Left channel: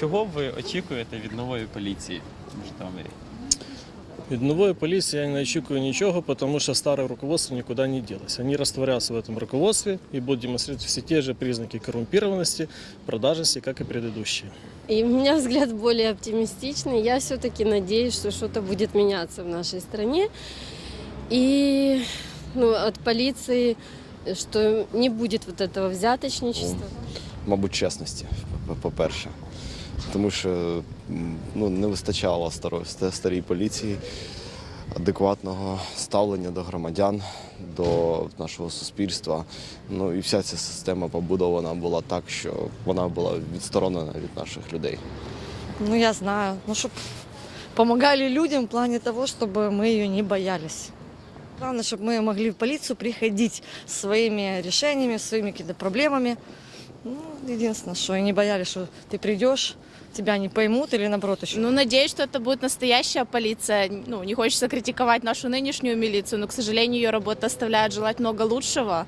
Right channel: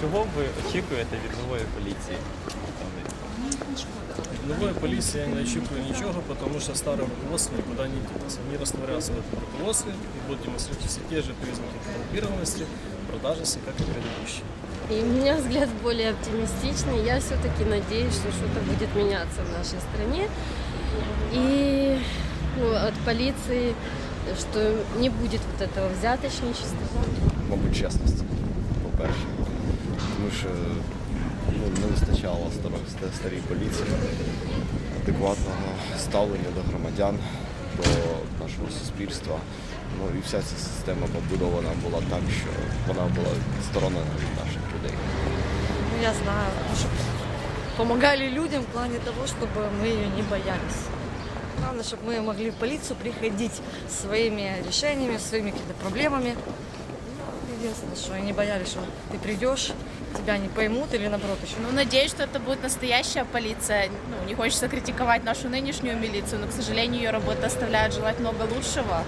Чого ви очікуєте від нової поліції? Штаби? Від нової поліції я не очікую ничего, потому что старое руководство никуда не делось. Они растворятся в этом руководстве и будут демонстрировать все те же признаки коррумпированности, продажности, как и предыдущие. И у меня взгляд более оптимистичный. Я все-таки надеюсь, что что-то будет меняться в нашей стране. И ну, от полиции, что не будет вот этого взяточничества. мабуть, чесності, по-перше. Тому що ну, не вистачало старої, старій поліції адекватного ставлення до громадян, до нашого суспільства. Ну і вся ця система побудована була так, що вона була відсторонена від наших людей. Ну, я знаю. Ну, чтобы помогали людям в плане того, чтобы мы ее не боялись. Главное, чтобы мы могли в полицию приходить с своими решениями, своими какими-то проблемами. Единственное, что и не боялись, что ты придешь, тебя не поймут или наоборот еще. Ну, надеюсь, что это будет настоящая полиция. Ну, не хочется критиковать нашу нынешнюю милицию, но, к сожалению, ее работа оставляет желать много лучшего.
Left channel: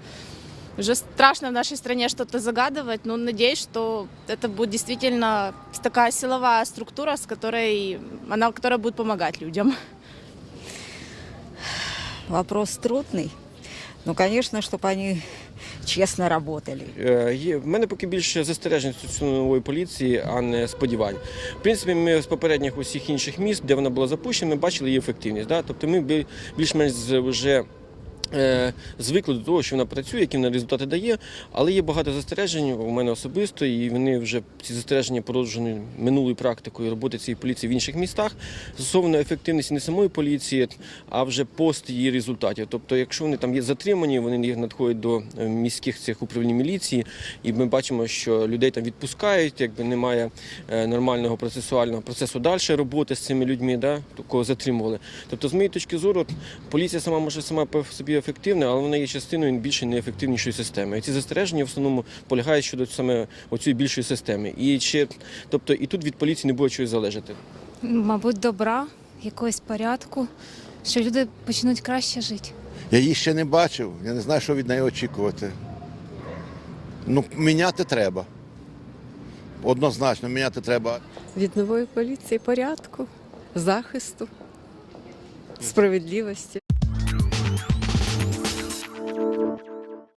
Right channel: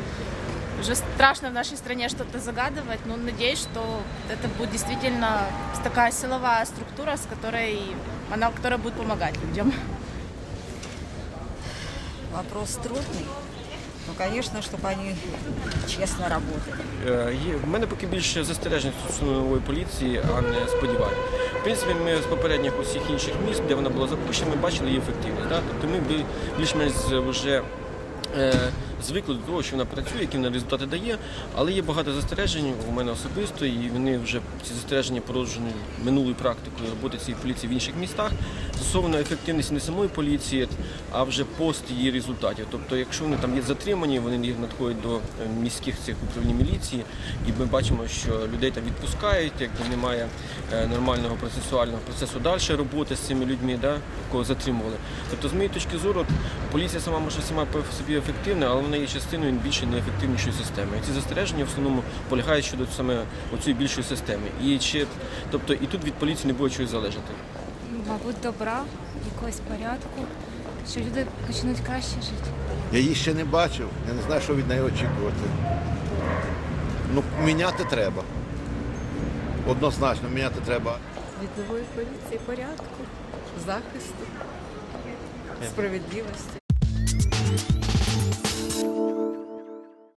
Уже страшно в нашей стране что-то загадывать, но надеюсь, что это будет действительно такая силовая структура, с которой она, которая будет помогать людям. Вопрос трудный. Ну, звісно, щоб вони чесно працювали. Е, в мене поки більше застережень стосовно нової поліції, а не сподівань. В принципі, ми з попередніх усіх інших міст, де вона була запущена, ми бачили її ефективність. Да? Тобто ми більш-менш вже звикли до того, що вона працює, які вона результати дає, але є багато застережень у мене особисто, і вони вже ці застереження породжені минулою практикою роботи цієї поліції в інших містах стосовно ефективності не самої поліції, а вже пост її результатів. Тобто, якщо вони там є затримані, вони їх надходять до е, міських цих управлінь міліції, і ми бачимо, що людей там відпускають, якби немає е, нормального процесуального процесу далі роботи з цими людьми, да, кого затримували. Тобто, з моєї точки зору, поліція сама може сама собі ефективна, але вона є частиною більше неефективнішої системи. І ці застереження в основному полягають щодо саме оцієї більшої системи. І чи тобто і тут від поліції не буде чогось залежати. мабуть, добра, якогось порядку, що люди почнуть краще жити. Я її ще не бачив, я не знаю, що від неї очікувати. Ну, міняти треба. Однозначно, міняти треба. Від нової поліції порядку, захисту, справедливості.